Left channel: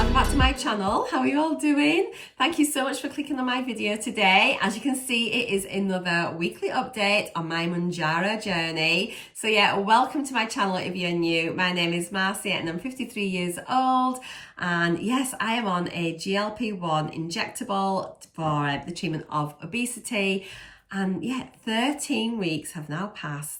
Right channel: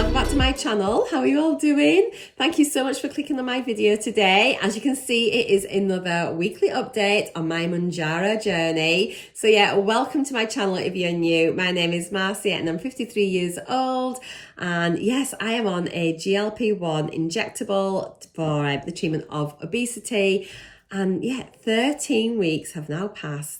welcome back to my channel. How are you all doing? Thank you so much for clicking on my video today. As you can see, it is another weekly update on my Mounjaro journey. So yeah, welcome to my channel if you're new. My name is Marcia and I'm 53 years old. And yes, I am on a GLP-1 injectable for the treatment of obesity. And yeah, 13 weeks have now passed.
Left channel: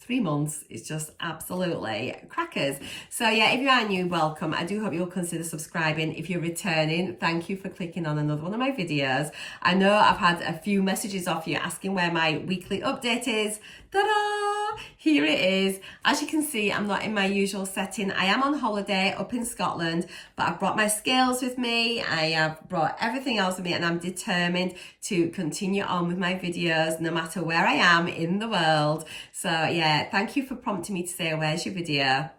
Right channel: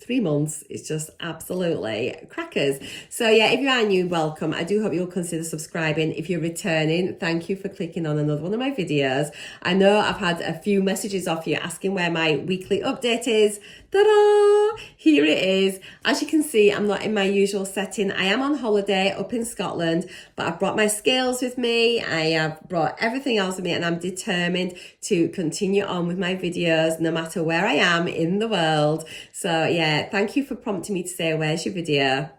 3 months is just absolutely crackers. So yeah, if you are new, welcome. I do hope you'll consider subscribing. If you're returning, thank you for clicking on another one of my videos. I know I've had a few messages off you asking where my weekly update is. Ta-da! Here it is. As you can see, I'm not in my usual setting. I am on holiday up in Scotland, but I've brought my scales with me. I have brought everything else with me, and I'm determined to continue on with my videos no matter where I am in the world. So yeah, thank you for prompting me to say, where's your video?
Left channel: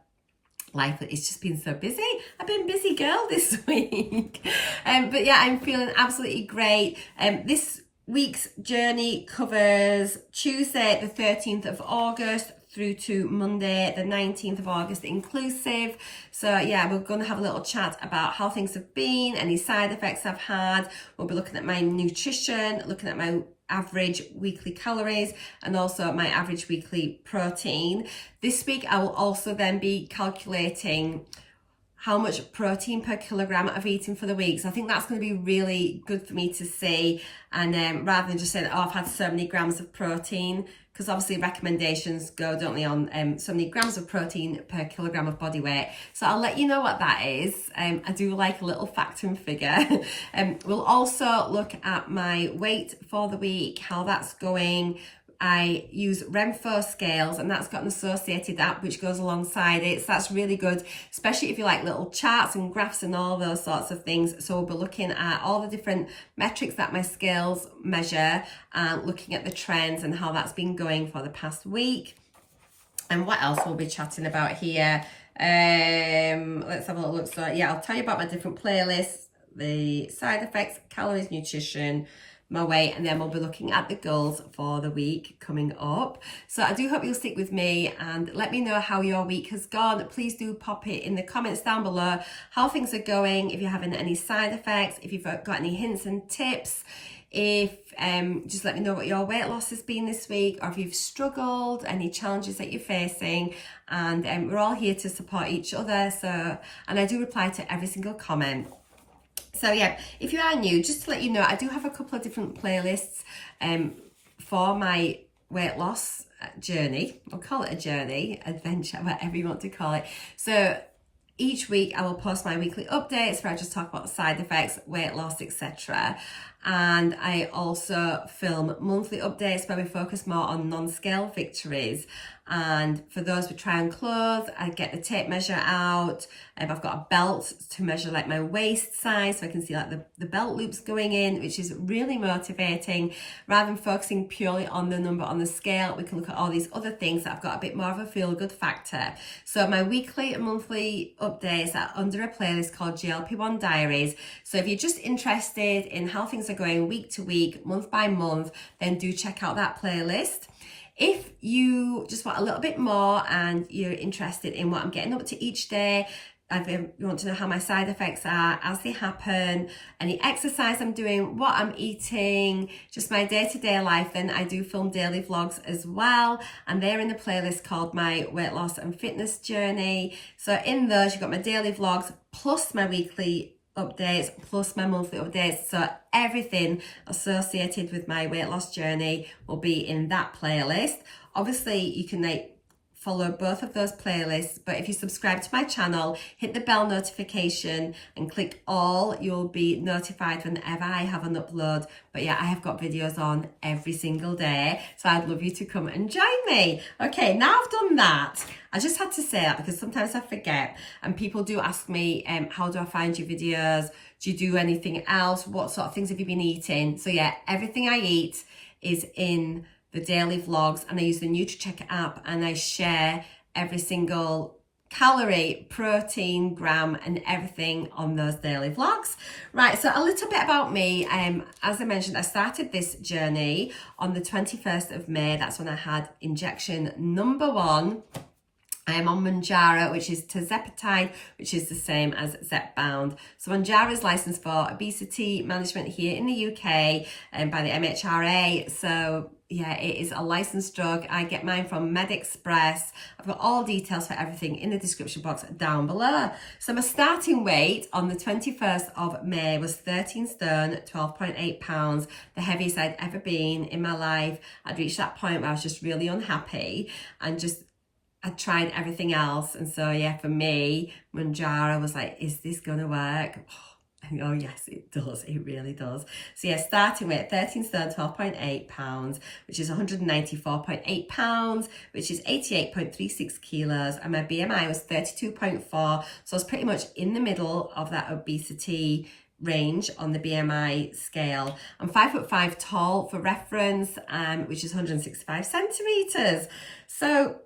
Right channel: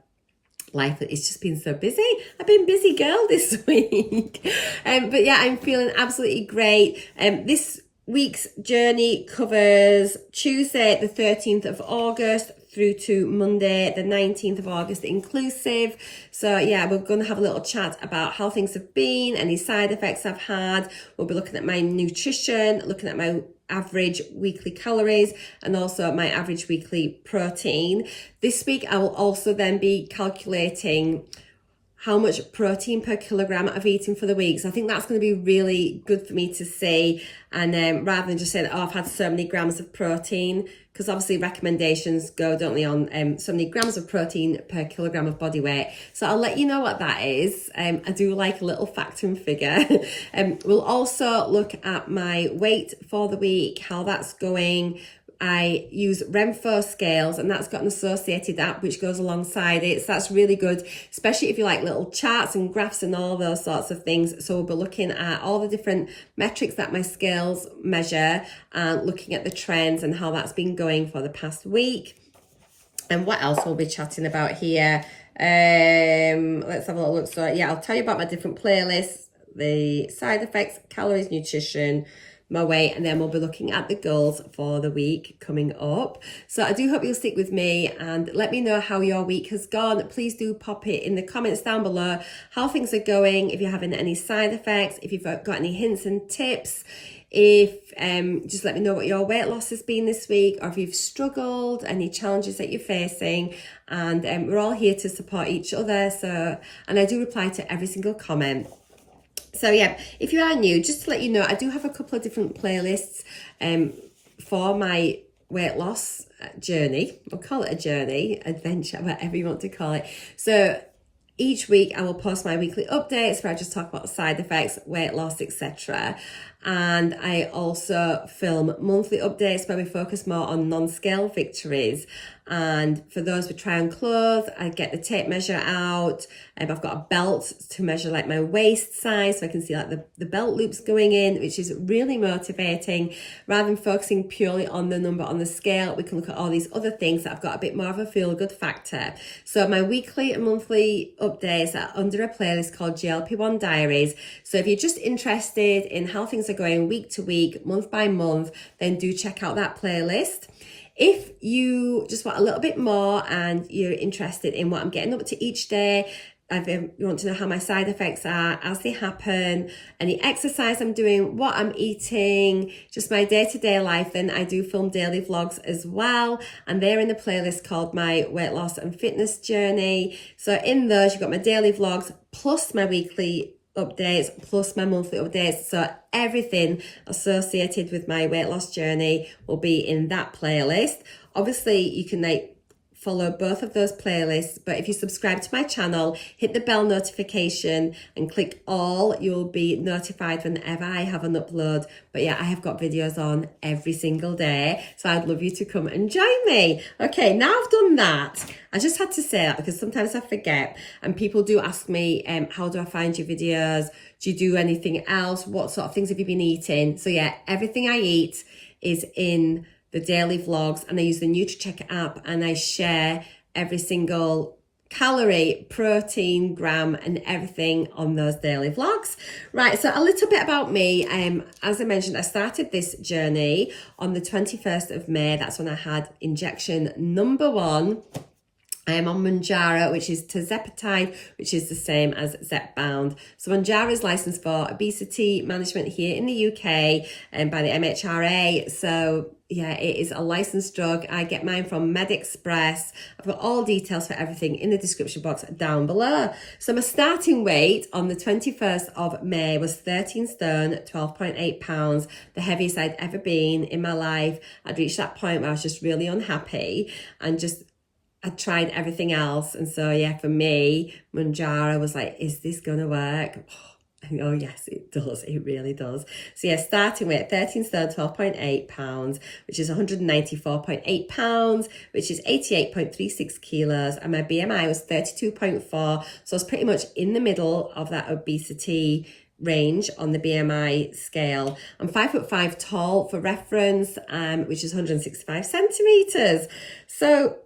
Life has just been so busy. I've been busy girl this week. But yeah, I'm feeling absolutely great. This week's journey covers Tuesday the 13th of August through to Monday the 19th of August inclusive. So yeah, we're going to have a little chat about how things have been, any side effects I've had. We'll be looking at my nutrition, looking at my average weekly calories and also my average weekly protein. This week I will also then be calculating how much protein per kilogram I've eaten for the week. So I think that's going to be really good for me to see. And rather than just saying, oh, I've had so many grams of protein, because obviously recommendations go, don't they, on so many grams of protein per kilogram of body weight. So I'll let you know what that is. I do like a little factor and figure. We'll also look at my weight for the week, how that's going. I use RENPHO scales, and that's got an associated app which goes alongside it. So that's really good, especially if you like little charts and graphs and all those sorts of things. So we'll be looking at all the different metrics that my scales measure and looking at the trends and how that's been going for the past week. And what else we'll be chatting about here? Let's have a little look. So yeah, I'll tell you about my different playlists, the side effects, calories, nutrition, my weight, and then we'll be looking at the goals for the week coming up. So I do hope you'll stick with me and let me know how your week has gone. Please do pop it in the comments down below how things are going, if you're having any side effects, if you've got any hints and tips, if just let me know what your weight loss has been this week, or if you've struggled, any challenges that you're facing. And we're all here to support each other. So, and I do reply to every single comment. So yeah, if you are new, just to let you know, I do have a couple of different playlists for my weight loss journey. We'll call it a journey, adventure, whatever you want to call it. So each week I will post my weekly updates where I just talk about side effects, weight loss, etc. And I also film monthly updates where we focus more on non-scale victories. And for those with try on clothes, I get the tape measure out. I've got a belt to measure like my waist size, so I can see like the belt loops going in, which is really motivating. Rather than focusing purely on the number on the scale, we can look at all these other things that I've got a bit more of a feel-good factor. So my weekly and monthly updates are under a playlist called GLP-1 Diaries. So if you're just interested in how things are going week to week, month by month, then do check out that playlist. If you just want a little bit more and you're interested in what I'm getting up to each day, you want to know how my side effects are as they happen, any exercise I'm doing, what I'm eating, just my day-to-day life, then I do film daily vlogs as well. And they're in the playlist called My Weight Loss and Fitness Journey. So in those, you've got my daily vlogs plus my weekly updates plus my monthly updates. So everything associated with my weight loss journey will be in that playlist. Obviously you can follow both of those playlists, but if you subscribe to my channel, hit the bell notification and click all, you'll be notified whenever I have an upload. But yeah, I have got videos on every single day, so I'd love you to come and join me. Okay, now I've done that, I just had to say that because sometimes I forget, and people do ask me, how do I find your videos? Do you do anything else? What sort of things have you been eating? So yeah, everything I eat is in the daily vlogs, and I use the NUTRACHECK app, and I share every single calorie, protein, gram, and everything on those daily vlogs. Right, so a little bit about me. As I mentioned, I started this journey on the 21st of May. That's when I had injection number 1. I am on Mounjaro, which is tirzepatide, which is the same as Zepbound. So Mounjaro is licensed for obesity management here in the UK and by the MHRA. So yeah, it is a licensed drug. I get mine from MedExpress. I've got all details for everything in the description box down below. So my starting weight on the 21st of May was 13 stone, 12.8 pounds, the heaviest I'd ever been in my life. I'd reached that point where I was just really unhappy and I tried everything else. And so, yeah, for me, Mounjaro was like, is this going to work? Oh, yes, it does. It really does. So, yeah, starting with 13 stone, 12.8 pounds, which is 194.8 pounds, which is 88.36 kilos. And my BMI was 32.4. So I was pretty much in the middle of that obesity range on the BMI scale. I'm 5'5" tall for reference, which is 165 centimeters. So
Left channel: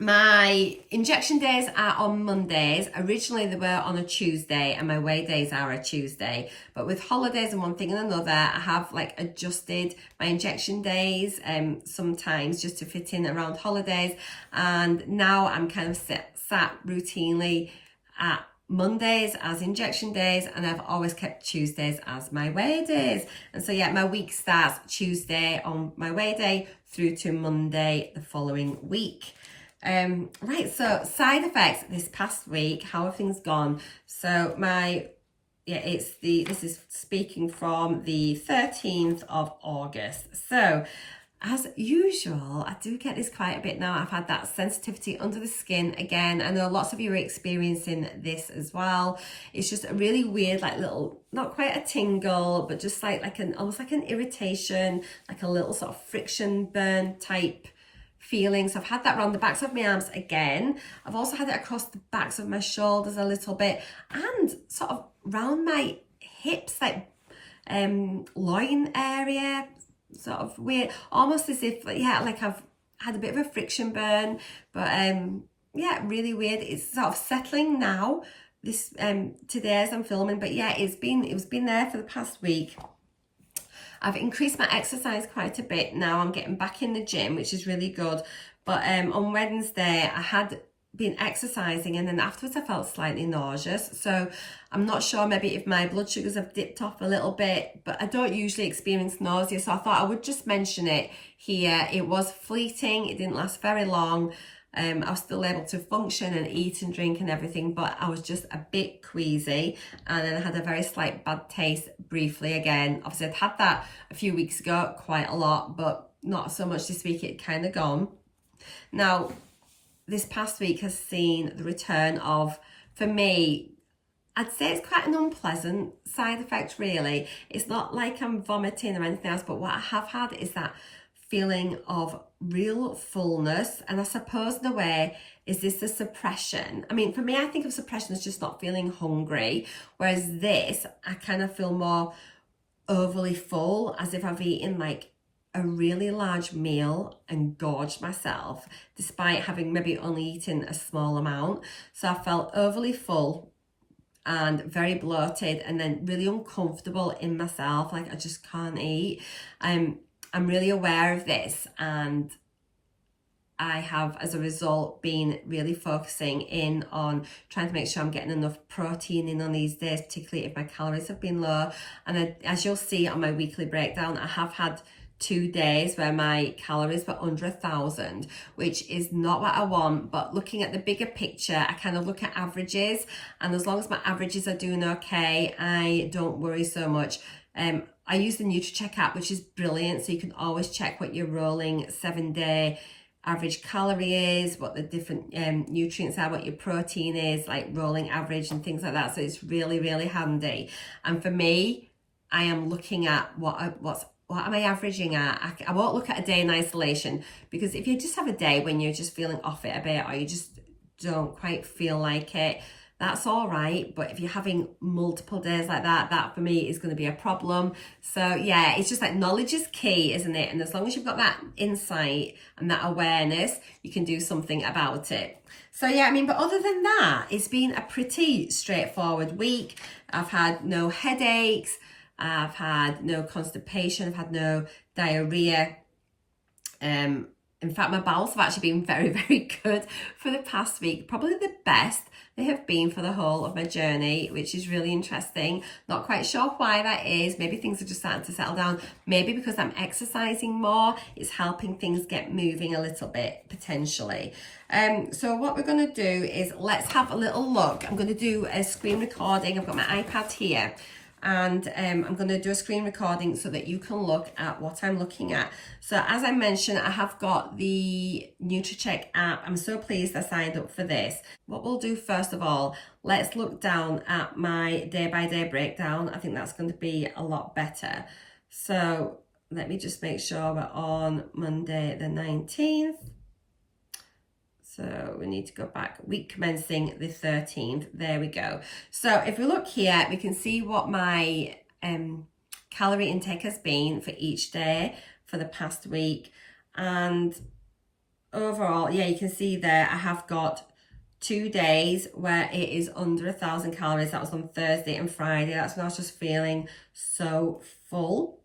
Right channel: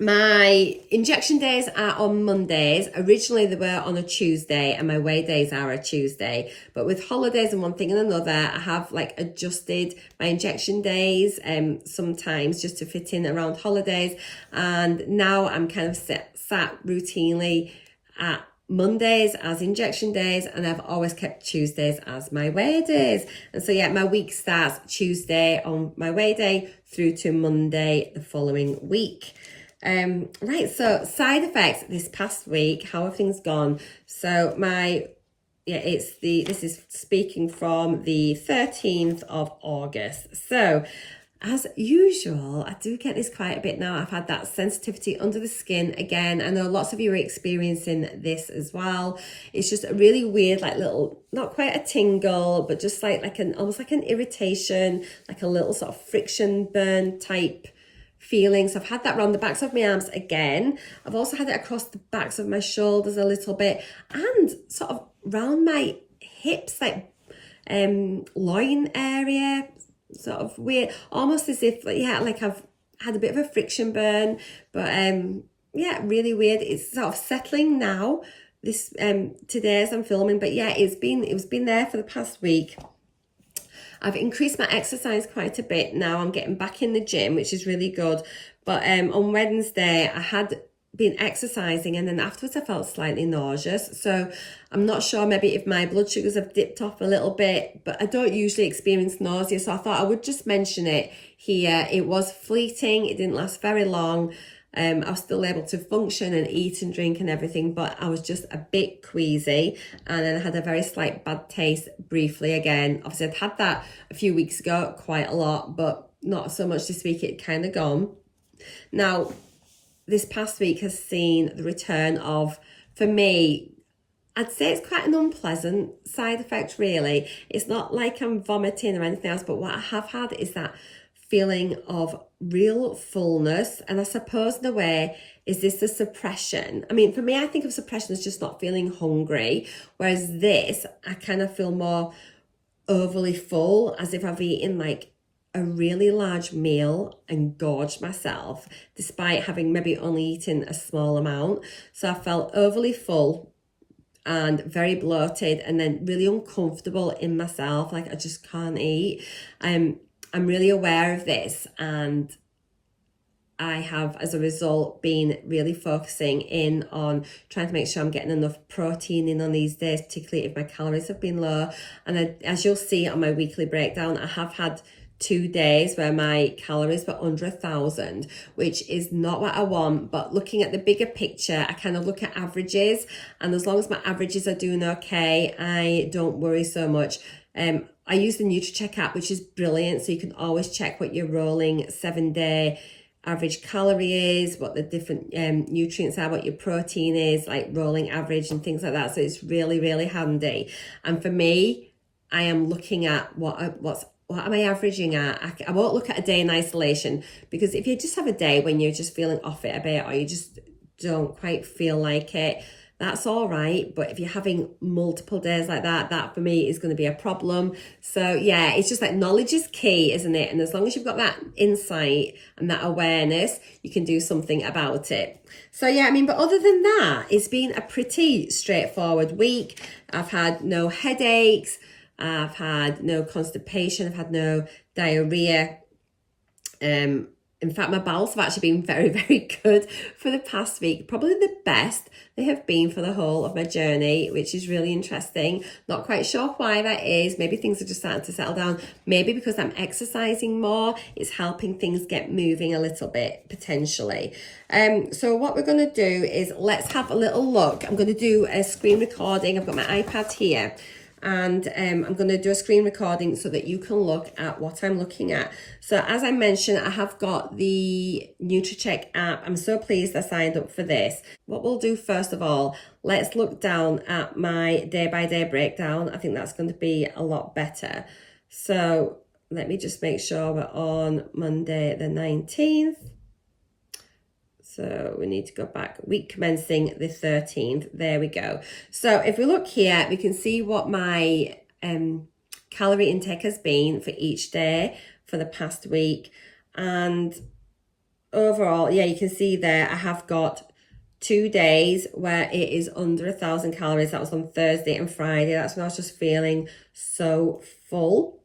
my injection days are on Mondays. Originally they were on a Tuesday and my weigh days are a Tuesday. But with holidays and one thing and another, I have like adjusted my injection days sometimes just to fit in around holidays. And now I'm kind of sat routinely at Mondays as injection days, and I've always kept Tuesdays as my weigh days. And so yeah, my week starts Tuesday on my weigh day through to Monday the following week. Right, so side effects this past week, how have things gone? So this is speaking from the 13th of August. So as usual, I do get this quite a bit now. I've had that sensitivity under the skin again. I know lots of you are experiencing this as well. It's just a really weird, like little, not quite a tingle, but just almost like an irritation, like a little sort of friction burn type feelings. I've had that around the backs of my arms again. I've also had it across the backs of my shoulders a little bit and sort of round my hips, like loin area, sort of weird, almost as if like I've had a bit of a friction burn, but yeah, really weird. It's sort of settling now this today as I'm filming, but yeah, it's been there for the past week. I've increased my exercise quite a bit now. I'm getting back in the gym, which is really good. But on Wednesday, I had been exercising and then afterwards I felt slightly nauseous. So I'm not sure maybe if my blood sugars have dipped off a little bit, but I don't usually experience nausea. So I thought I would just mention it here. It was fleeting. It didn't last very long. I was still able to function and eat and drink and everything, but I was just a bit queasy, and then I had a very slight bad taste briefly again. Obviously I'd had that a few weeks ago quite a lot, but not so much this week. It kind of gone. Now this past week has seen the return of, for me, I'd say it's quite an unpleasant side effect really. It's not like I'm vomiting or anything else, but what I have had is that feeling of real fullness. And I suppose in a way, is this the suppression? I mean, for me, I think of suppression as just not feeling hungry. Whereas this, I kind of feel more overly full, as if I've eaten like a really large meal and gorged myself, despite having maybe only eaten a small amount. So I felt overly full and very bloated and then really uncomfortable in myself, like I just can't eat. I'm really aware of this, and I have, as a result, been really focusing in on trying to make sure I'm getting enough protein in on these days, particularly if my calories have been low. And as you'll see on my weekly breakdown, I have had 2 days where my calories were under 1,000, which is not what I want. But looking at the bigger picture, I kind of look at averages, and as long as my averages are doing okay, I don't worry so much. I use the NUTRACHECK app, which is brilliant. So you can always check what your rolling 7-day average calorie is, what the different nutrients are, what your protein is, like rolling average and things like that. So it's really, really handy. And for me, I am looking at what am I averaging at? I won't look at a day in isolation, because if you just have a day when you're just feeling off it a bit, or you just don't quite feel like it, that's all right. But if you're having multiple days like that, that for me is going to be a problem. So yeah, it's just like knowledge is key, isn't it? And as long as you've got that insight and that awareness, you can do something about it. So yeah, I mean, but other than that, it's been a pretty straightforward week. I've had no headaches. I've had no constipation. I've had no diarrhea. In fact, my bowels have actually been very, very good for the past week. Probably the best they have been for the whole of my journey, which is really interesting. Not quite sure why that is. Maybe things are just starting to settle down. Maybe because I'm exercising more, it's helping things get moving a little bit, potentially. So what we're going to do is let's have a little look. I'm going to do a screen recording. I've got my iPad here. And I'm going to do a screen recording so that you can look at what I'm looking at. So as I mentioned, I have got the NUTRACHECK app. I'm so pleased I signed up for this. What we'll do first of all, let's look down at my day-by-day breakdown. I think that's going to be a lot better. So let me just make sure we're on Monday the 19th. So we need to go back, week commencing the 13th. There we go. So if we look here, we can see what my calorie intake has been for each day for the past week. And overall, yeah, you can see there I have got 2 days where it is under 1,000 calories. That was on Thursday and Friday. That's when I was just feeling so full.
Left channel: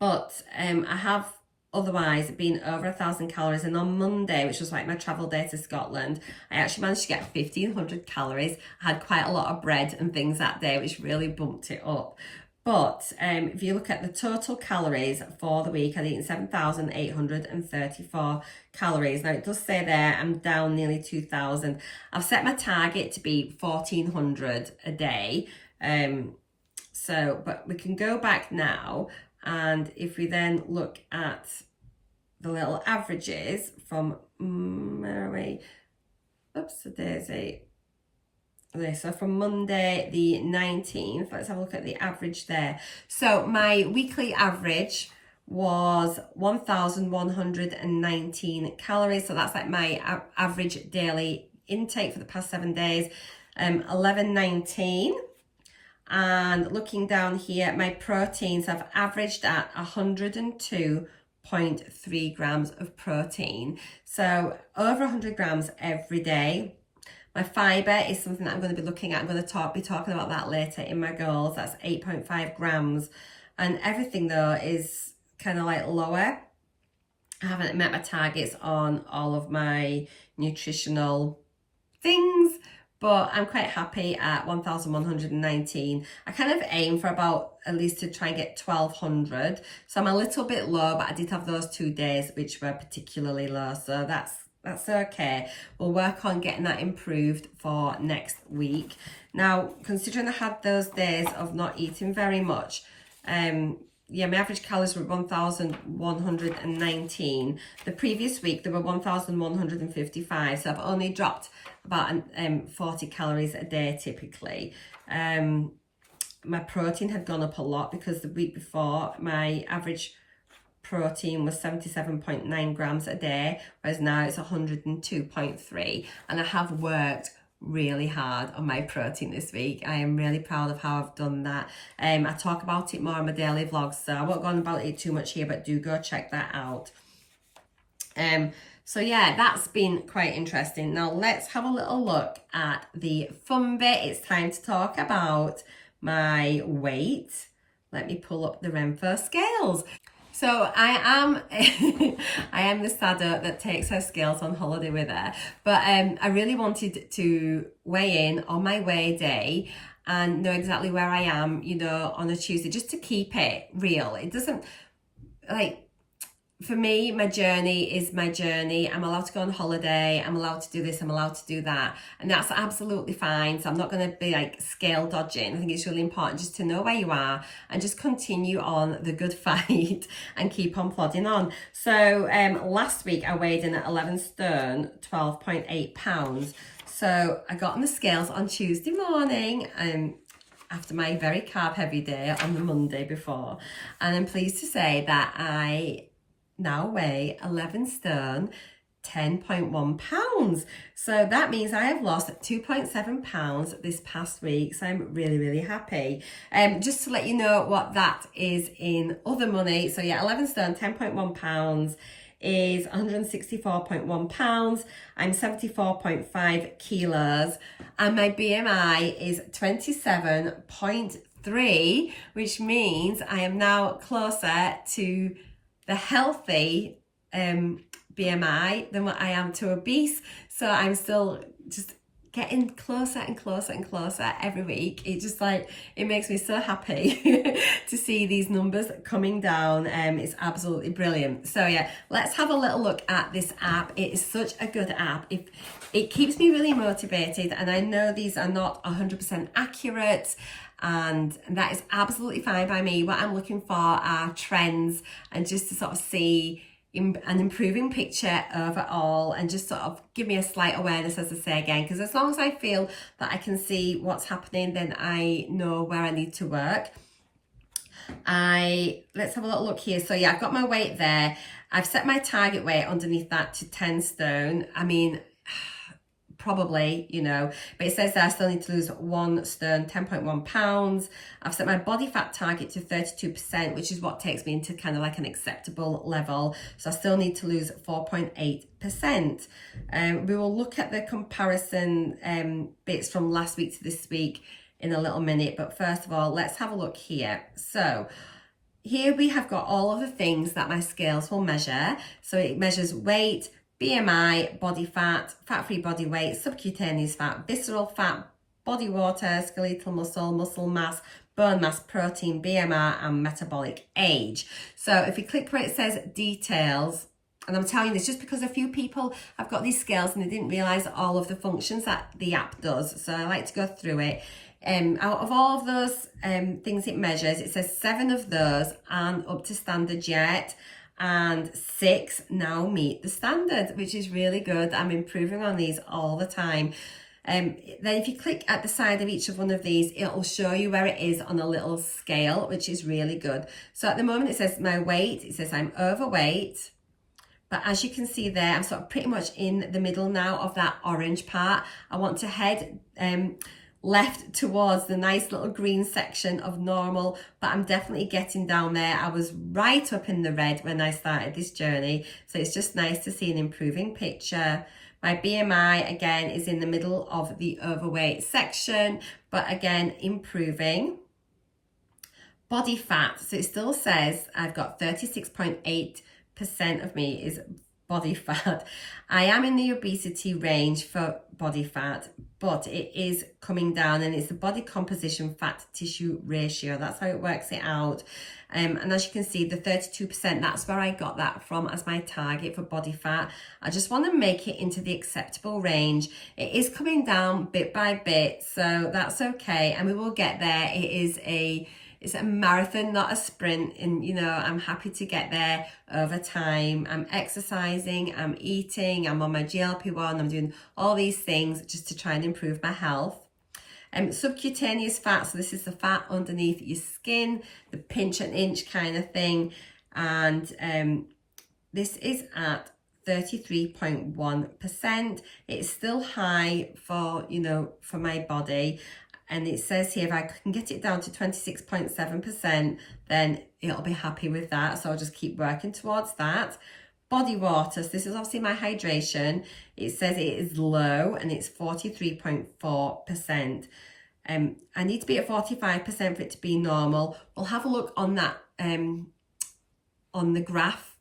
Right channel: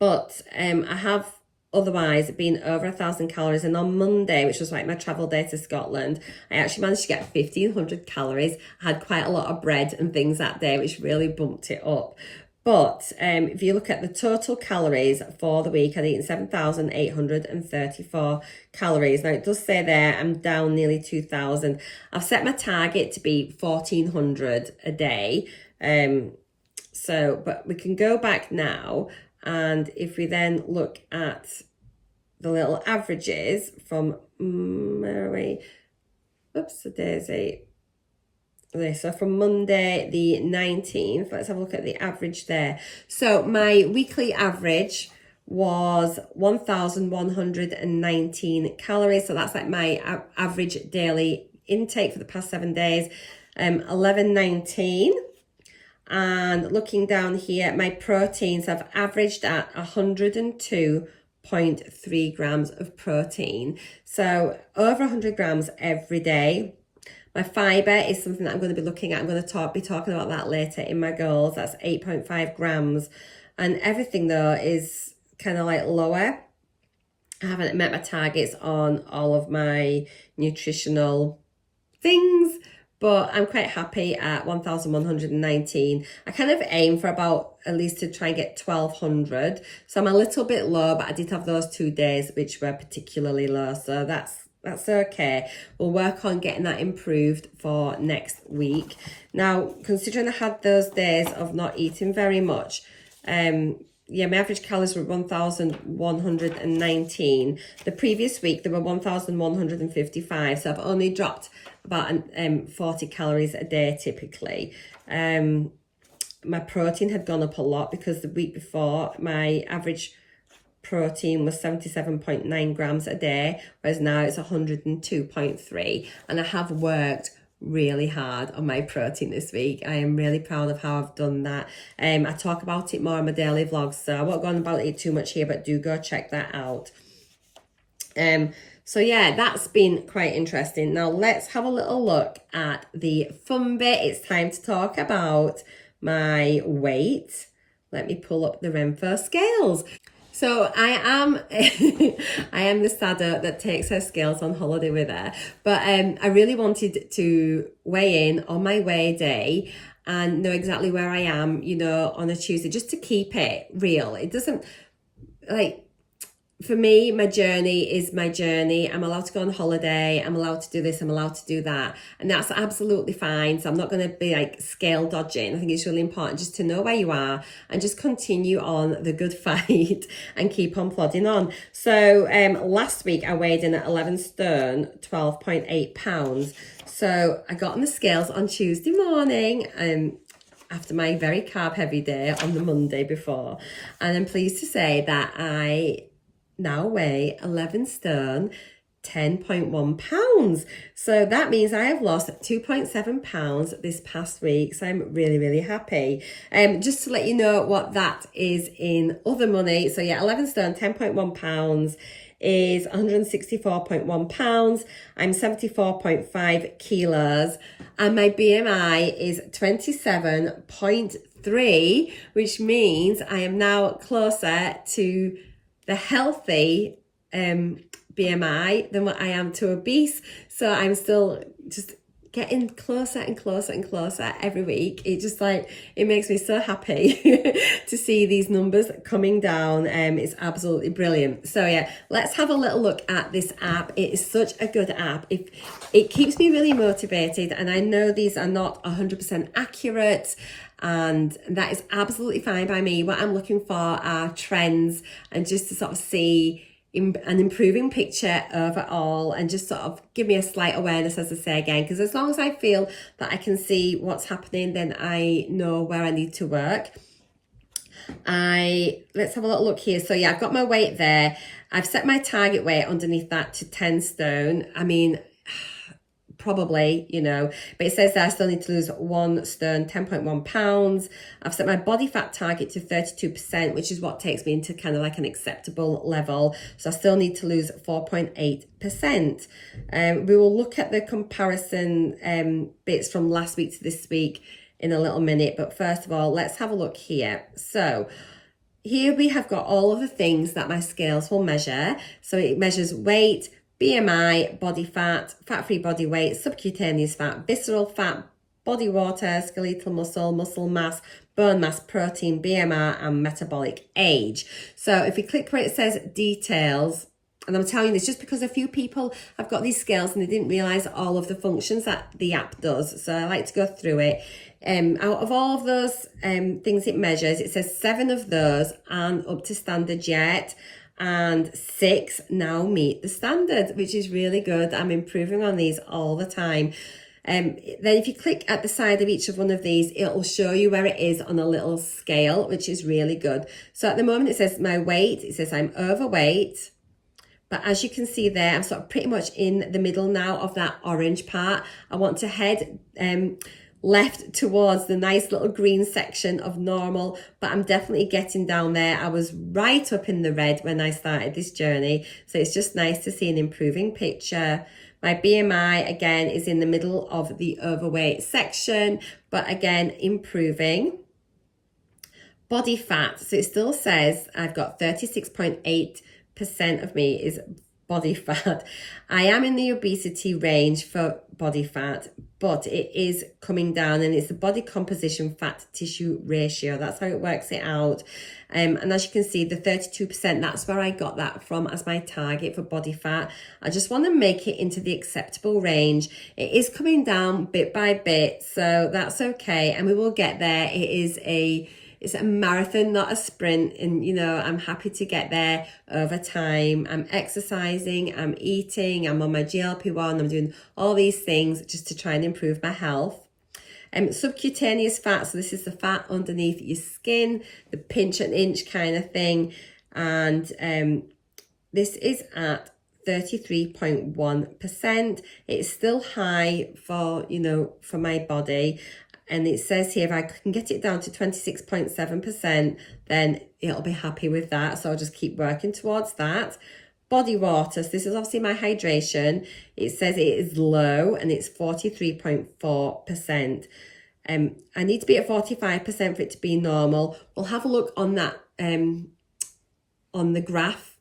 But I have otherwise been over 1,000 calories, and on Monday, which was like my travel day to Scotland, I actually managed to get 1,500 calories. I had quite a lot of bread and things that day, which really bumped it up. But if you look at the total calories for the week, I'd eaten 7,834 calories. Now it does say there I'm down nearly 2,000. I've set my target to be 1,400 a day. But we can go back now. And if we then look at the little averages from, where are we? Oops, the daisy. Okay, so from Monday the 19th, let's have a look at the average there. So my weekly average was 1,119 calories. So that's like my average daily intake for the past 7 days, 1119. And looking down here, my proteins have averaged at 102.3 grams of protein. So over 100 grams every day. My fiber is something that I'm going to be looking at. I'm going to be talking about that later in my goals. That's 8.5 grams. And everything though is kind of like lower. I haven't met my targets on all of my nutritional things, but I'm quite happy at 1,119. I kind of aim for about at least to try and get 1,200. So I'm a little bit low, but I did have those 2 days which were particularly low. So that's okay. We'll work on getting that improved for next week. Now, considering I had those days of not eating very much, yeah, my average calories were 1,119. The previous week, they were 1,155. So I've only dropped about 40 calories a day typically. My protein had gone up a lot because the week before, my average protein was 77.9 grams a day, whereas now it's 102.3. And I have worked really hard on my protein this week. I am really proud of how I've done that. I talk about it more on my daily vlogs, so I won't go on about it too much here, but do go check that out. So yeah, that's been quite interesting. Now let's have a little look at the fun bit. It's time to talk about my weight. Let me pull up the RENPHO scales. So I am the sadder that takes her scales on holiday with her. But I really wanted to weigh in on my weigh day and know exactly where I am, you know, on a Tuesday, just to keep it real. It doesn't, like, for me, my journey is my journey. I'm allowed to go on holiday. I'm allowed to do this. I'm allowed to do that. And that's absolutely fine. So I'm not going to be like scale dodging. I think it's really important just to know where you are and just continue on the good fight and keep on plodding on. So last week I weighed in at 11 stone, 12.8 pounds. So I got on the scales on Tuesday morning after my very carb heavy day on the Monday before. And I'm pleased to say that I now weigh 11 stone, 10.1 pounds. So that means I have lost 2.7 pounds this past week. So I'm really, really happy. Just to let you know what that is in other money. So yeah, 11 stone, 10.1 pounds is 164.1 pounds. I'm 74.5 kilos and my BMI is 27.3, which means I am now closer to the healthy BMI than what I am to obese. So I'm still just getting closer and closer and closer every week. It just like, it makes me so happy to see these numbers coming down. It's absolutely brilliant. So yeah, let's have a little look at this app. It is such a good app. It keeps me really motivated, and I know these are not 100% accurate, and that is absolutely fine by me. What I'm looking for are trends, and just to sort of see an improving picture overall, and just sort of give me a slight awareness, as I say again, because as long as I feel that I can see what's happening, then I know where I need to work. Let's have a little look here. So yeah, I've got my weight there. I've set my target weight underneath that to 10 stone. I mean, probably, you know, but it says that I still need to lose 1 stone, 10.1 pounds. I've set my body fat target to 32%, which is what takes me into kind of like an acceptable level. So I still need to lose 4.8%. We will look at the comparison bits from last week to this week in a little minute. But first of all, let's have a look here. So here we have got all of the things that my scales will measure. So it measures weight, BMI, body fat, fat-free body weight, subcutaneous fat, visceral fat, body water, skeletal muscle, muscle mass, bone mass, protein, BMR, and metabolic age. So if you click where it says details, and I'm telling you this just because a few people have got these scales and they didn't realize all of the functions that the app does. So I like to go through it. Out of all of those things it measures, it says 7 of those aren't up to standard yet, and 6 now meet the standard, which is really good. I'm improving on these all the time. Then if you click at the side of each of one of these, it'll show you where it is on a little scale, which is really good. So at the moment it says my weight, it says I'm overweight, but as you can see there, I'm sort of pretty much in the middle now of that orange part. I want to head left towards the nice little green section of normal, but I'm definitely getting down there. I was right up in the red when I started this journey, so it's just nice to see an improving picture. My BMI again is in the middle of the overweight section, but again improving. Body fat, so it still says I've got 36.8% of me is body fat. I am in the obesity range for body fat, but it is coming down, and it's the body composition fat tissue ratio. That's how it works it out. And as you can see, the 32%, that's where I got that from as my target for body fat. I just want to make it into the acceptable range. It is coming down bit by bit, so that's okay, and we will get there. It's a marathon, not a sprint, and you know, I'm happy to get there over time. I'm exercising, I'm eating, I'm on my GLP-1, I'm doing all these things just to try and improve my health. Subcutaneous fat, so this is the fat underneath your skin, the pinch and inch kind of thing, and this is at 33.1%. It's still high for, you know, for my body. And it says here, if I can get it down to 26.7%, then it'll be happy with that. So I'll just keep working towards that. Body water, so this is obviously my hydration. It says it is low and it's 43.4%. I need to be at 45% for it to be normal. We'll have a look on that, on the graph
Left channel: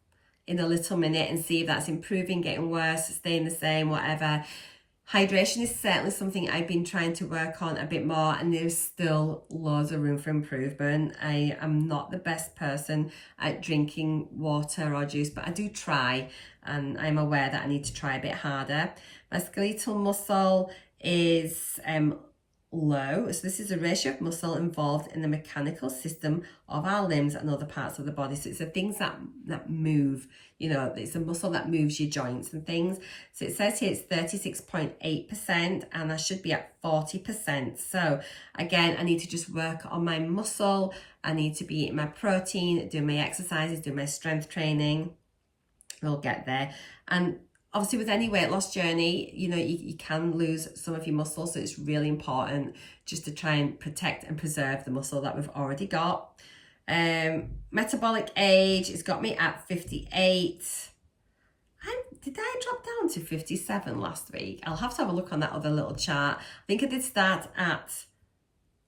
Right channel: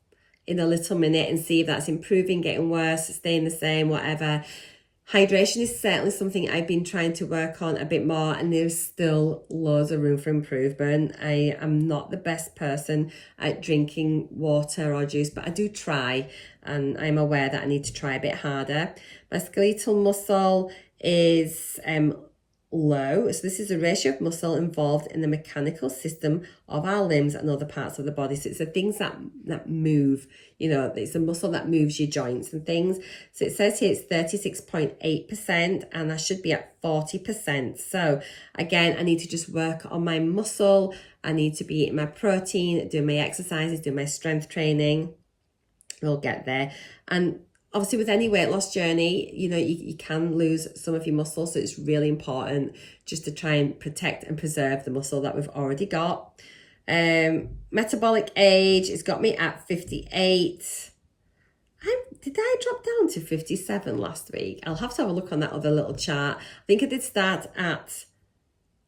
in a little minute and see if that's improving, getting worse, staying the same, whatever. Hydration is certainly something I've been trying to work on a bit more, and there's still loads of room for improvement. I am not the best person at drinking water or juice, but I do try, and I'm aware that I need to try a bit harder. My skeletal muscle is low, so this is a ratio of muscle involved in the mechanical system of our limbs and other parts of the body. So it's the things that move, you know, it's a muscle that moves your joints and things. So it says here it's 36.8%, and I should be at 40%. So again, I need to just work on my muscle. I need to be eating my protein, doing my exercises, doing my strength training. We'll get there. And obviously with any weight loss journey, you know, you can lose some of your muscle. So it's really important just to try and protect and preserve the muscle that we've already got. Metabolic age, it's got me at 58. Did I drop down to 57 last week? I'll have to have a look on that other little chart. I think I did start at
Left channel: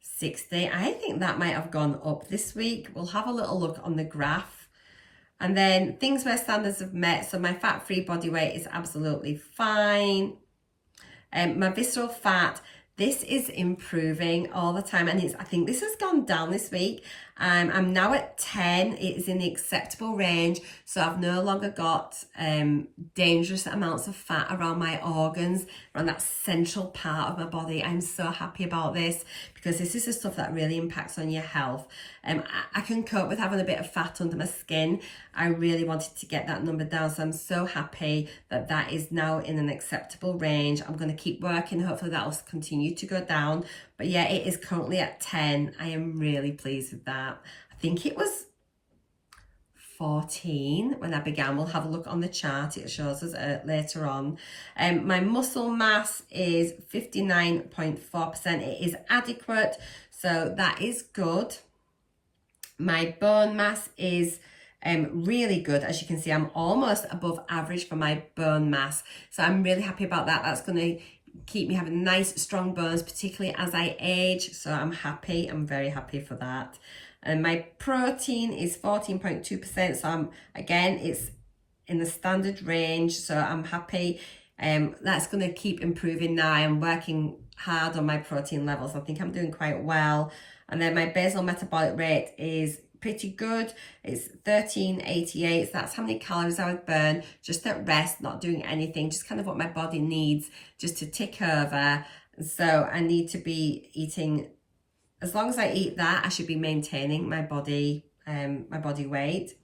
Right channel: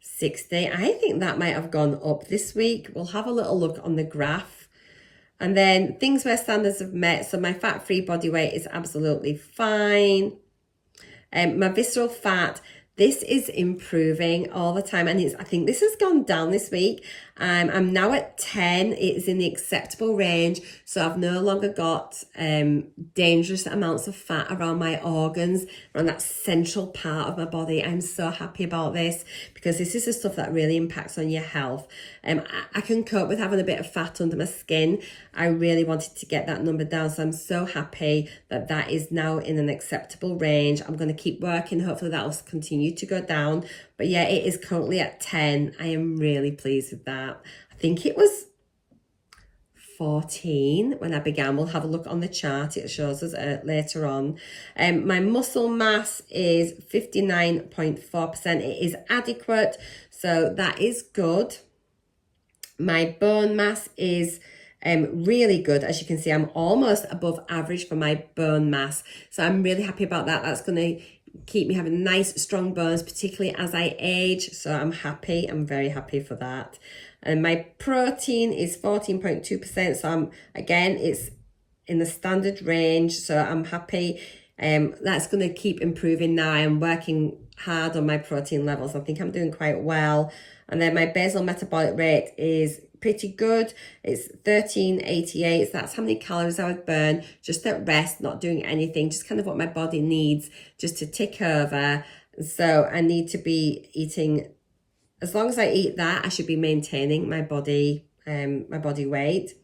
60. I think that might have gone up this week. We'll have a little look on the graph. And then things where standards have met. So my fat-free body weight is absolutely fine. My visceral fat, this is improving all the time, and I think this has gone down this week. I'm now at 10. It is in the acceptable range, so I've no longer got dangerous amounts of fat around my organs, around that central part of my body. I'm so happy about this, because this is the stuff that really impacts on your health. I can cope with having a bit of fat under my skin. I really wanted to get that number down, so I'm so happy that that is now in an acceptable range. I'm going to keep working. Hopefully that will continue to go down. But yeah, it is currently at 10. I am really pleased with that. I think it was 14 when I began. We'll have a look on the chart. It shows us later on. My muscle mass is 59.4%. It is adequate, so that is good. My bone mass is really good. As you can see, I'm almost above average for my bone mass. So I'm really happy about that. That's going to keep me having nice, strong bones, particularly as I age. So I'm happy. I'm very happy for that. And my protein is 14.2%. So again, it's in the standard range. So I'm happy. That's going to keep improving now. I am working hard on my protein levels. I think I'm doing quite well. And then my basal metabolic rate is pretty good. It's 1388. So that's how many calories I would burn just at rest, not doing anything, just kind of what my body needs just to tick over. So I need to be eating, as long as I eat that, I should be maintaining my body weight.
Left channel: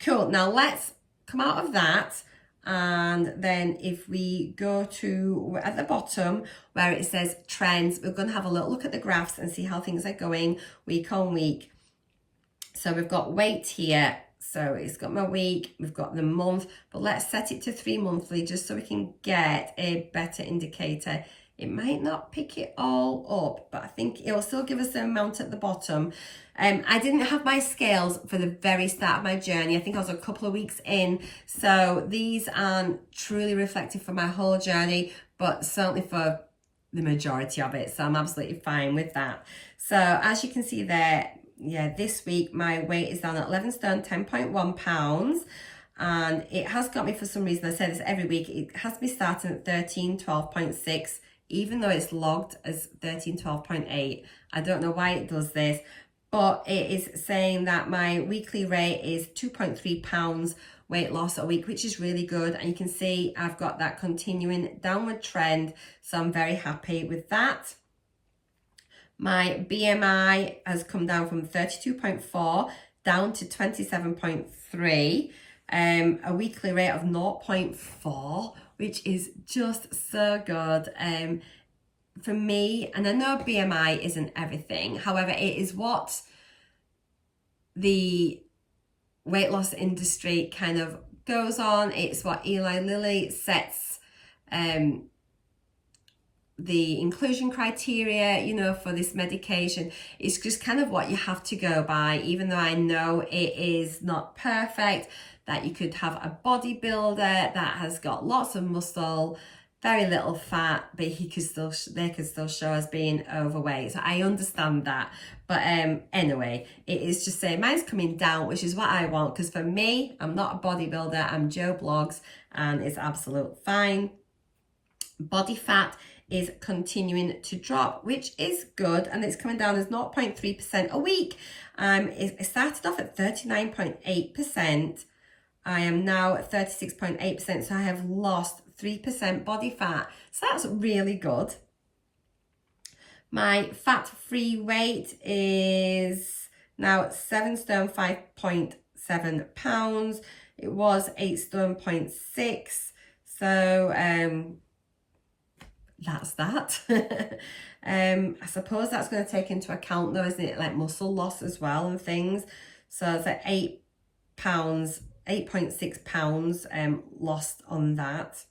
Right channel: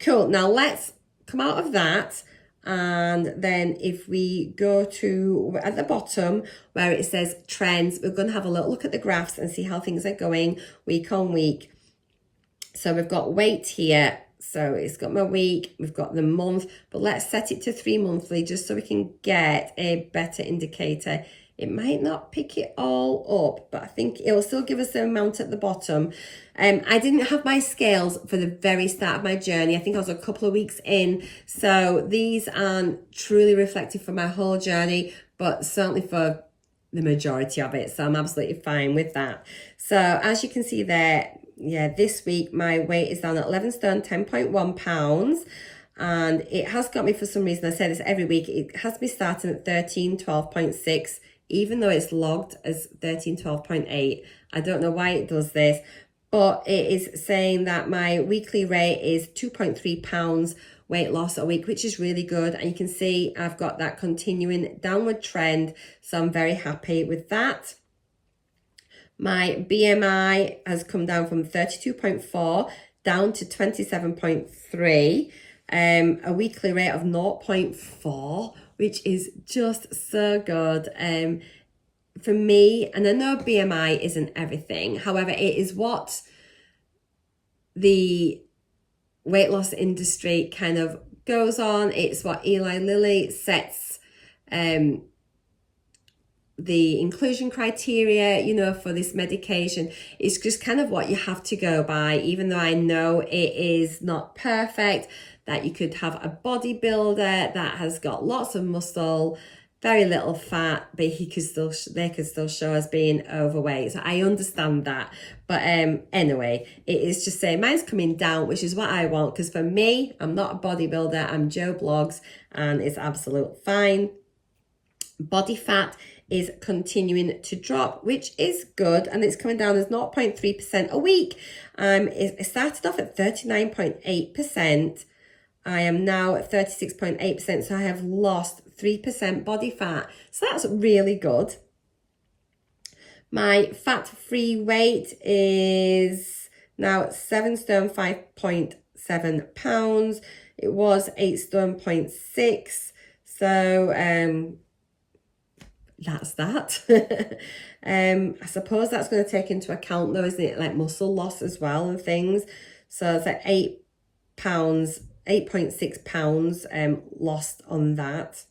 Cool. Now let's come out of that. And then if we go to at the bottom where it says trends, we're going to have a little look at the graphs and see how things are going week on week. So we've got weight here. So it's got my week, we've got the month, but let's set it to 3 monthly just so we can get a better indicator. It might not pick it all up, but I think it'll still give us the amount at the bottom. I didn't have my scales for the very start of my journey. I think I was a couple of weeks in. So these aren't truly reflective for my whole journey, but certainly for the majority of it. So I'm absolutely fine with that. So as you can see there, yeah, this week my weight is down at 11 stone, 10.1 pounds. And it has got me, for some reason, I say this every week, it has me starting at 1312.6, even though it's logged as 1312.8. I don't know why it does this, but it is saying that my weekly rate is 2.3 pounds weight loss a week, which is really good. And you can see I've got that continuing downward trend. So I'm very happy with that. My BMI has come down from 32.4 down to 27.3, a weekly rate of 0.4, which is just so good. For me, and I know BMI isn't everything, however, it is what the weight loss industry kind of goes on. It's what Eli Lilly sets the inclusion criteria, you know, for this medication. It's just kind of what you have to go by, even though I know it is not perfect, that you could have a bodybuilder that has got lots of muscle, very little fat, but they could still show as being overweight. So I understand that. But anyway, it is just saying mine's coming down, which is what I want, because for me, I'm not a bodybuilder, I'm Joe Blogs, and it's absolute fine. Body fat is continuing to drop, which is good, and it's coming down as 0.3% a week. It started off at 39.8%. I am now at 36.8%, so I have lost 3% body fat. So that's really good. My fat-free weight is now at 7 stone 5.7 pounds. It was 8 stone 0.6. So that's that. I suppose that's going to take into account though, isn't it, like muscle loss as well and things. So it's at 8 pounds, 8.6 pounds lost on that.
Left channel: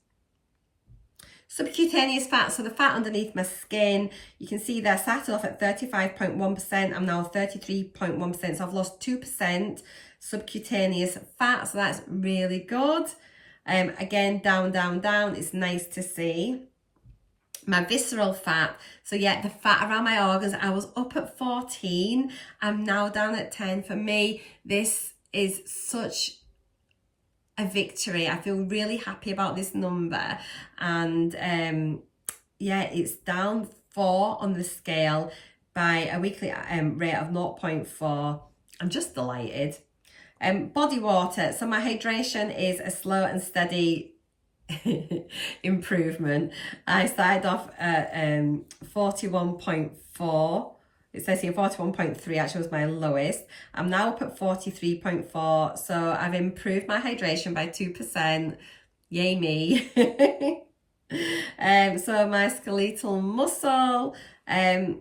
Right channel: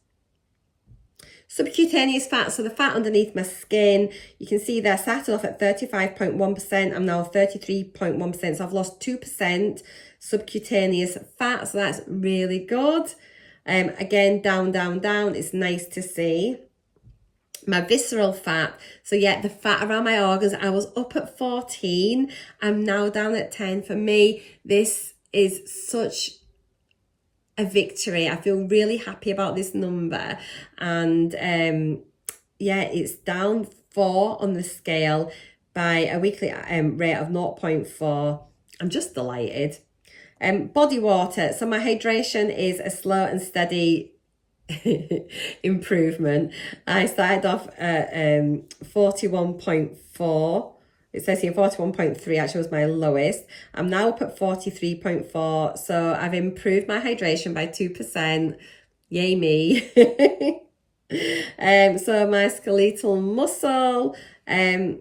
Subcutaneous fat, so the fat underneath my skin, you can see there, started off at 35.1%, I'm now 33.1%, so I've lost 2% subcutaneous fat, so that's really good. Again, down, down, down, it's nice to see. My visceral fat, so yeah, the fat around my organs, I was up at 14, I'm now down at 10. For me, this is such a victory. I feel really happy about this number, and yeah, it's down 4 on the scale by a weekly rate of 0.4. I'm just delighted. Body water. So my hydration is a slow and steady improvement. I started off at 41.4. It says here 41.3 actually was my lowest. I'm now up at 43.4. So I've improved my hydration by 2%. Yay me. So my skeletal muscle, so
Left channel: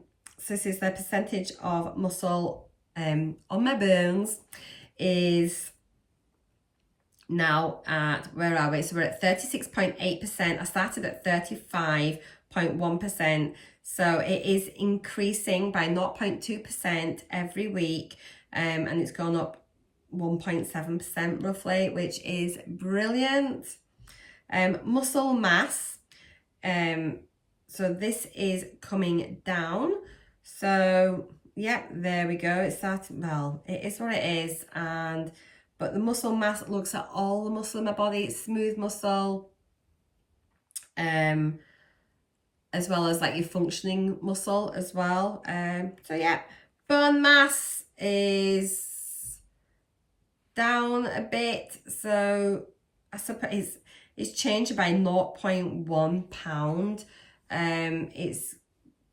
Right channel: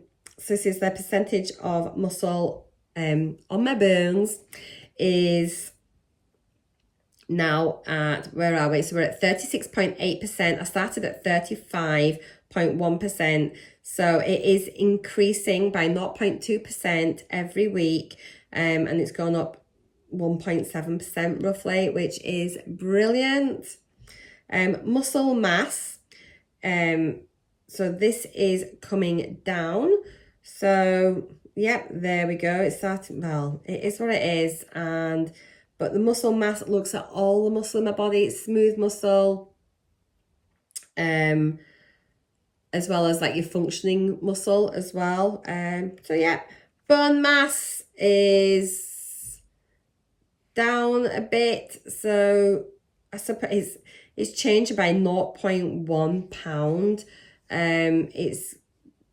this is the percentage of muscle on my bones, is now at, where are we? So we're at 36.8%. I started at 35.1%. So it is increasing by 0.2% every week. And it's gone up 1.7% roughly, which is brilliant. Muscle mass. So this is coming down. So yep, there we go. It's starting, well, it is what it is. But the muscle mass looks at all the muscle in my body. It's smooth muscle, as well as like your functioning muscle as well. So yeah, bone mass is down a bit. So I suppose it's changed by 0.1 pound. It's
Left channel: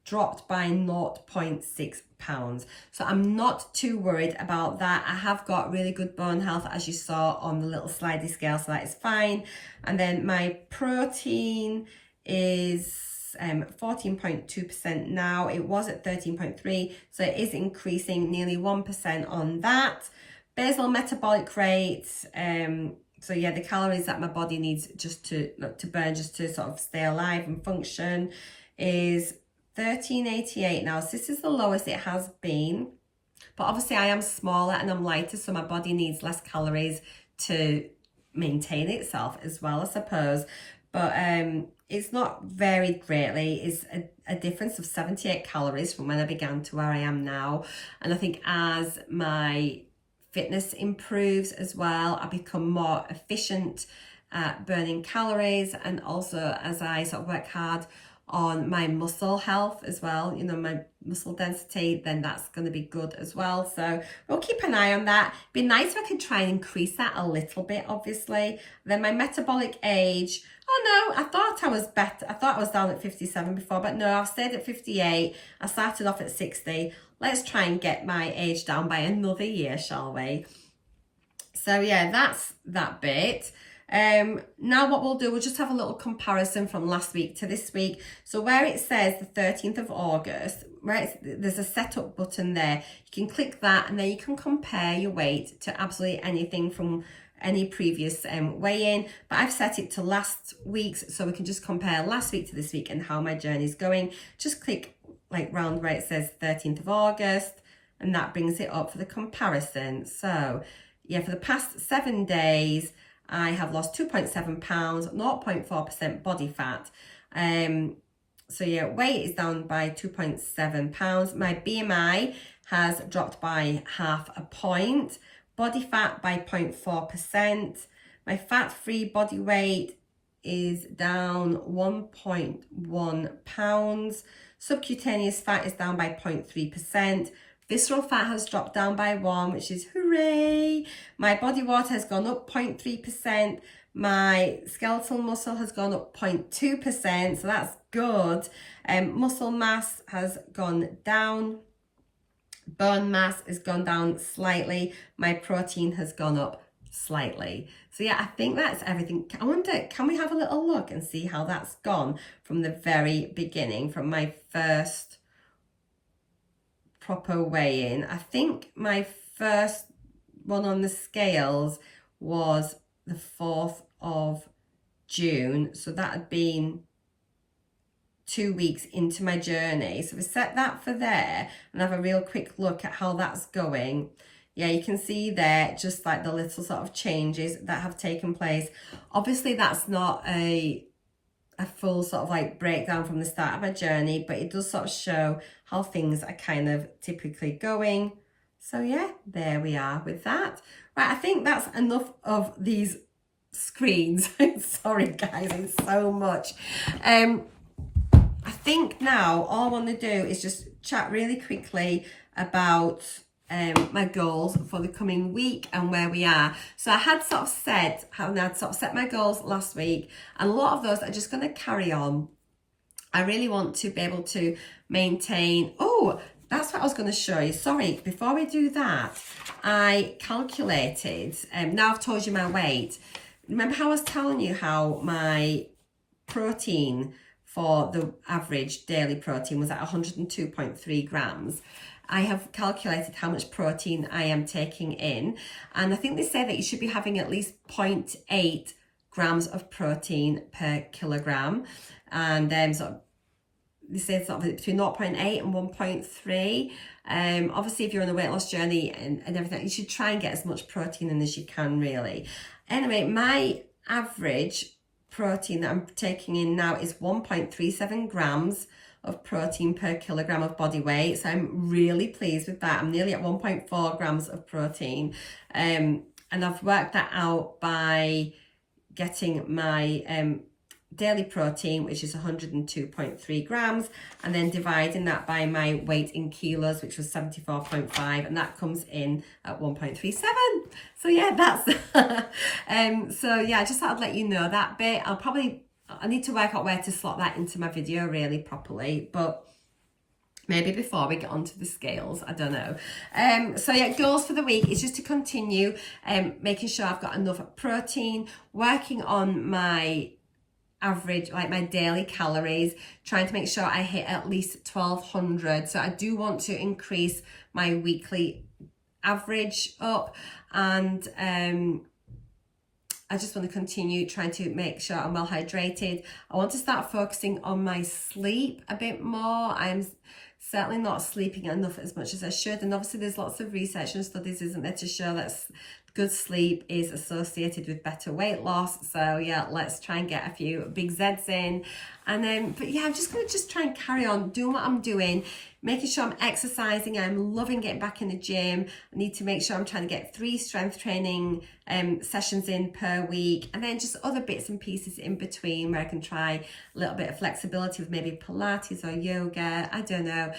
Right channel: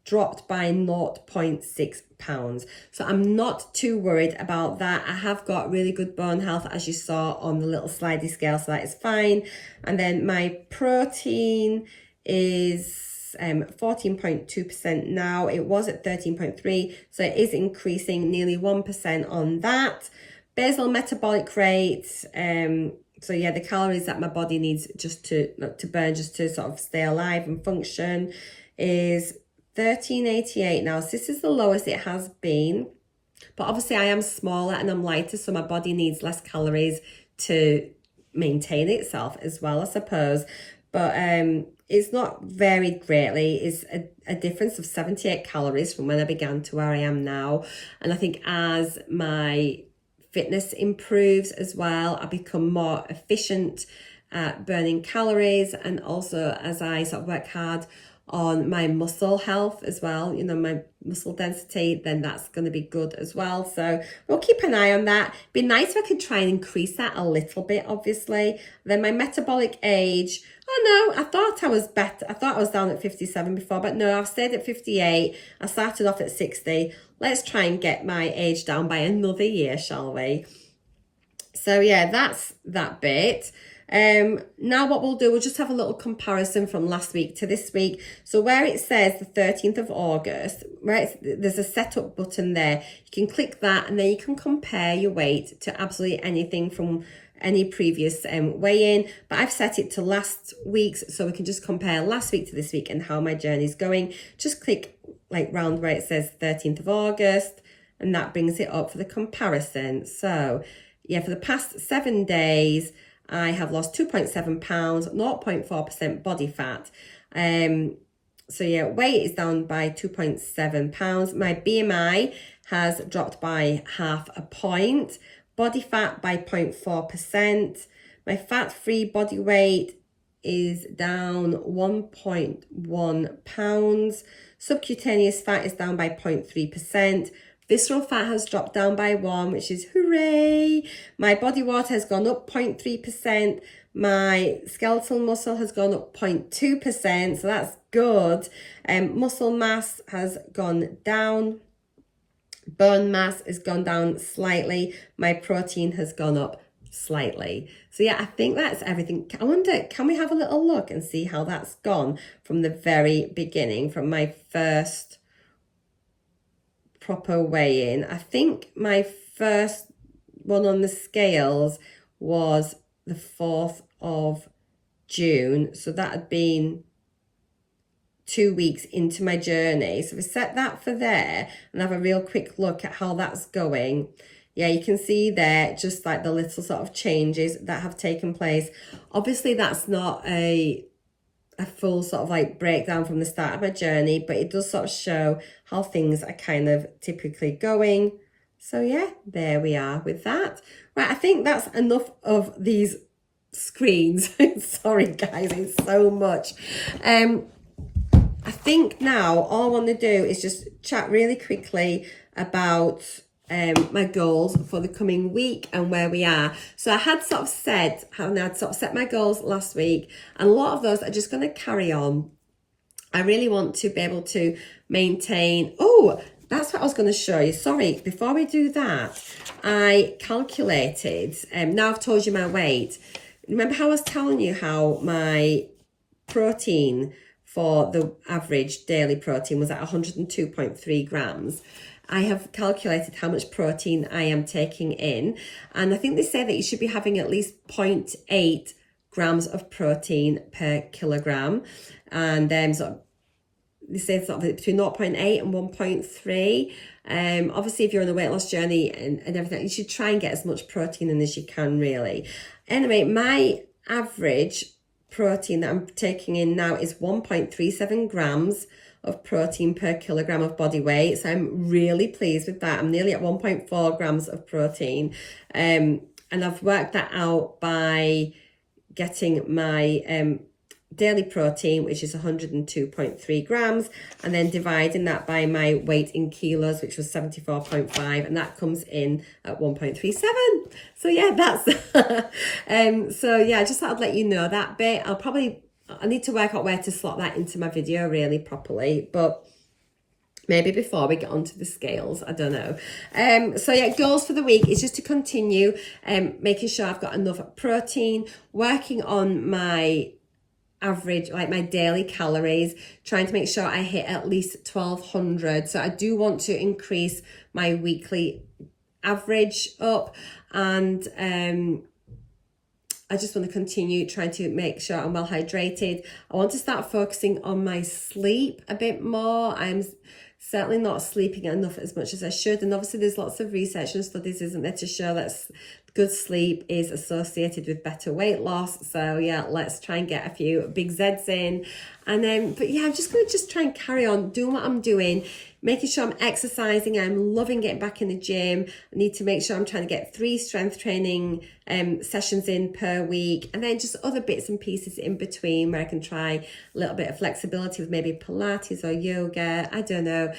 dropped by 0.6 pounds. So I'm not too worried about that. I have got really good bone health, as you saw on the little slidey scale, so that is fine. And then my protein is 14.2% now. It was at 13.3, so it is increasing nearly 1% on that. Basal metabolic rate, so yeah, the calories that my body needs just to burn, just to sort of stay alive and function, is 1388 now. So this is the lowest it has been, but obviously I am smaller and I'm lighter, so my body needs less calories to maintain itself as well, I suppose. But it's not very greatly. It's a difference of 78 calories from when I began to where I am now. And I think as my fitness improves as well, I become more efficient at burning calories, and also as I sort of work hard on my muscle health as well, you know, my muscle density, then that's going to be good as well. So we'll keep an eye on that. Be nice if I could try and increase that a little bit, obviously. Then my metabolic age, oh no, I thought I was better. I thought I was down at 57 before, but no, I've stayed at 58. I started off at 60. Let's try and get my age down by another year, shall we? So yeah, that's that bit. Now what we'll do, we'll just have a little comparison from last week to this week. So where it says the 13th of August, there's a setup button there. You can click that and then you can compare your weight to absolutely anything from any previous weigh-in. But I've set it to last week's, so we can just compare last week to this week and how my journey is going. Just click like round where it says 13th of August and that brings it up for the comparison. So yeah, for the past 7 days, I have lost 2.7 pounds, 0.4% body fat. So yeah, weight is down by 2.7 pounds. My BMI has dropped by 0.5 point. Body fat by 0.4%. My fat-free body weight is down 1.1 pounds. Subcutaneous fat is down by 0.3%. Visceral fat has dropped down by 1, which is hooray. My body water has gone up 0.3%. My skeletal muscle has gone up 0.2%, so that's good. Muscle mass has gone down. Bone mass has gone down slightly. My protein has gone up slightly. So yeah, I think that's everything. I wonder, can we have a little look and see how that's gone from the very beginning, from my first proper weigh-in? I think my first one on the scales was the 4th of June. So that had been 2 weeks into my journey. So we set that for there and have a real quick look at how that's going. Yeah, you can see there just like the little sort of changes that have taken place. Obviously that's not a full sort of like breakdown from the start of my journey, but it does sort of show how things are kind of typically going. So yeah, there we are with that. Right, I think that's enough of these screens. Sorry guys, it's so much. I think now all I want to do is just chat really quickly about my goals for the coming week and where we are. So I had sort of said I'd sort of set my goals last week, and a lot of those are just going to carry on. I really want to be able to maintain. Oh, that's what I was going to show you. Sorry, before we do that, I calculated, now I've told you my weight. Remember how I was telling you how my protein for the average daily protein was at 102.3 grams. I have calculated how much protein I am taking in, and I think they say that you should be having at least 0.8 grams of protein per kilogram, and then they say sort of between 0.8 and 1.3. Obviously, if you're on a weight loss journey and everything, you should try and get as much protein in as you can, really. Anyway, my average protein that I'm taking in now is 1.37 grams of protein per kilogram of body weight. So I'm really pleased with that. I'm nearly at 1.4 grams of protein. And I've worked that out by getting my daily protein, which is 102.3 grams, and then dividing that by my weight in kilos, which was 74.5, and that comes in at 1.37. So yeah, that's so yeah, I just thought I'd let you know that bit. I need to work out where to slot that into my video really properly, but maybe before we get onto the scales, I don't know. So yeah, goals for the week is just to continue making sure I've got enough protein, working on my average, like my daily calories, trying to make sure I hit at least 1200. So I do want to increase my weekly average up, and I just want to continue trying to make sure I'm well hydrated. I want to start focusing on my sleep a bit more. I'm certainly not sleeping enough as much as I should, and obviously there's lots of research and studies, isn't there, to show that good sleep is associated with better weight loss. So yeah, let's try and get a few big Z's in. And then, but yeah, I'm just going to try and carry on doing what I'm doing, making sure I'm exercising. I'm loving getting back in the gym. I need to make sure I'm trying to get 3 strength training sessions in per week, and then just other bits and pieces in between where I can try a little bit of flexibility with maybe Pilates or yoga. I don't know.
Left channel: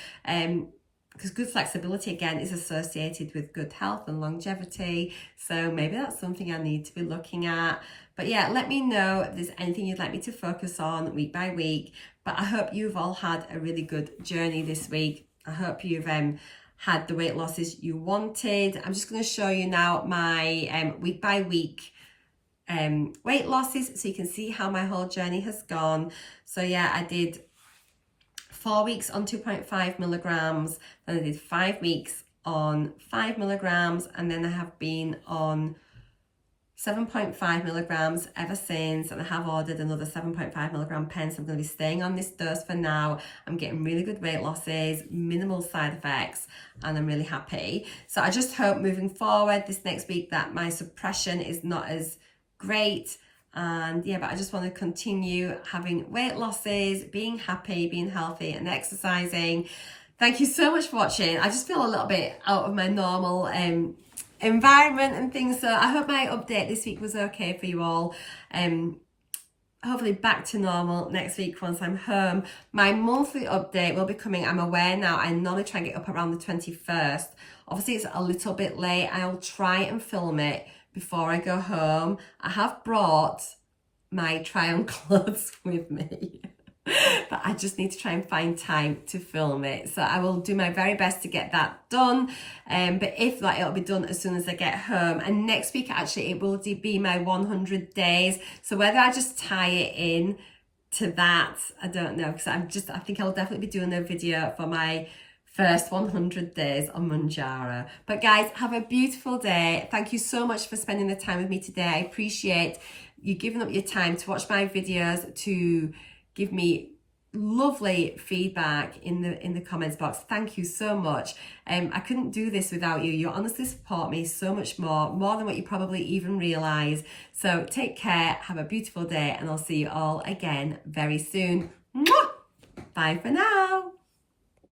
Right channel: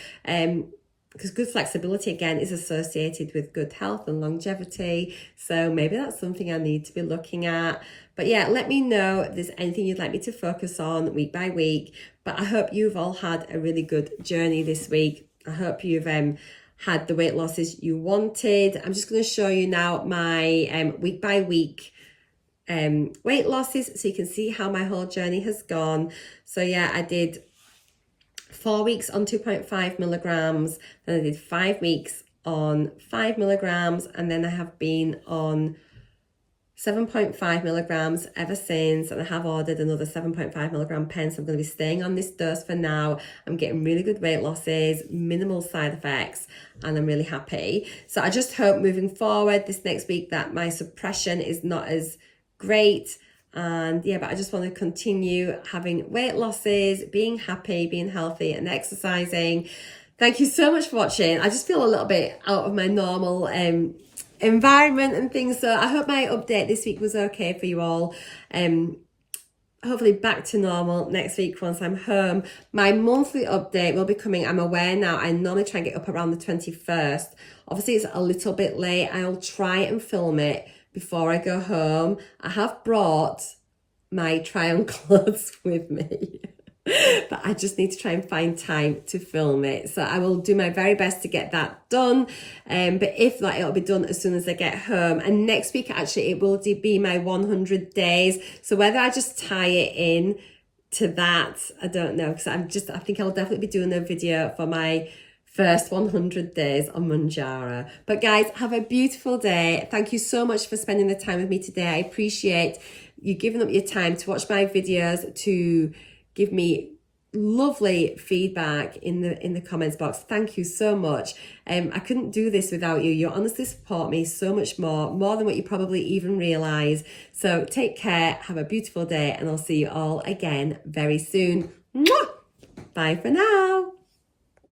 Because good flexibility, again, is associated with good health and longevity. So maybe that's something I need to be looking at. But yeah, let me know if there's anything you'd like me to focus on week by week. But I hope you've all had a really good journey this week. I hope you've had the weight losses you wanted. I'm just going to show you now my week by week weight losses, so you can see how my whole journey has gone. So yeah, I did 4 weeks on 2.5 milligrams, then I did 5 weeks on 5 milligrams, and then I have been on 7.5 milligrams ever since, and I have ordered another 7.5 milligram pen, so I'm going to be staying on this dose for now. I'm getting really good weight losses, minimal side effects, and I'm really happy. So I just hope moving forward this next week that my suppression is not as great. And yeah, but I just want to continue having weight losses, being happy, being healthy, and exercising. Thank you so much for watching. I just feel a little bit out of my normal environment and things, so I hope my update this week was okay for you all. Hopefully back to normal next week once I'm home. My monthly update will be coming. I'm aware now, I normally try and get up around the 21st. Obviously it's a little bit late. I'll try and film it before I go home. I have brought my try-on clothes with me, but I just need to try and find time to film it. So I will do my very best to get that done. But if not, it'll be done as soon as I get home. And next week, actually, it will be my 100 days. So whether I just tie it in to that, I don't know, because I think I'll definitely be doing a video for my first 100 days on Mounjaro. But guys, have a beautiful day. Thank you so much for spending the time with me today. I appreciate you giving up your time to watch my videos, to give me lovely feedback in the comments box. Thank you so much. I couldn't do this without you. You honestly support me so much more than what you probably even realize. So take care, have a beautiful day, and I'll see you all again very soon. Mwah! Bye for now.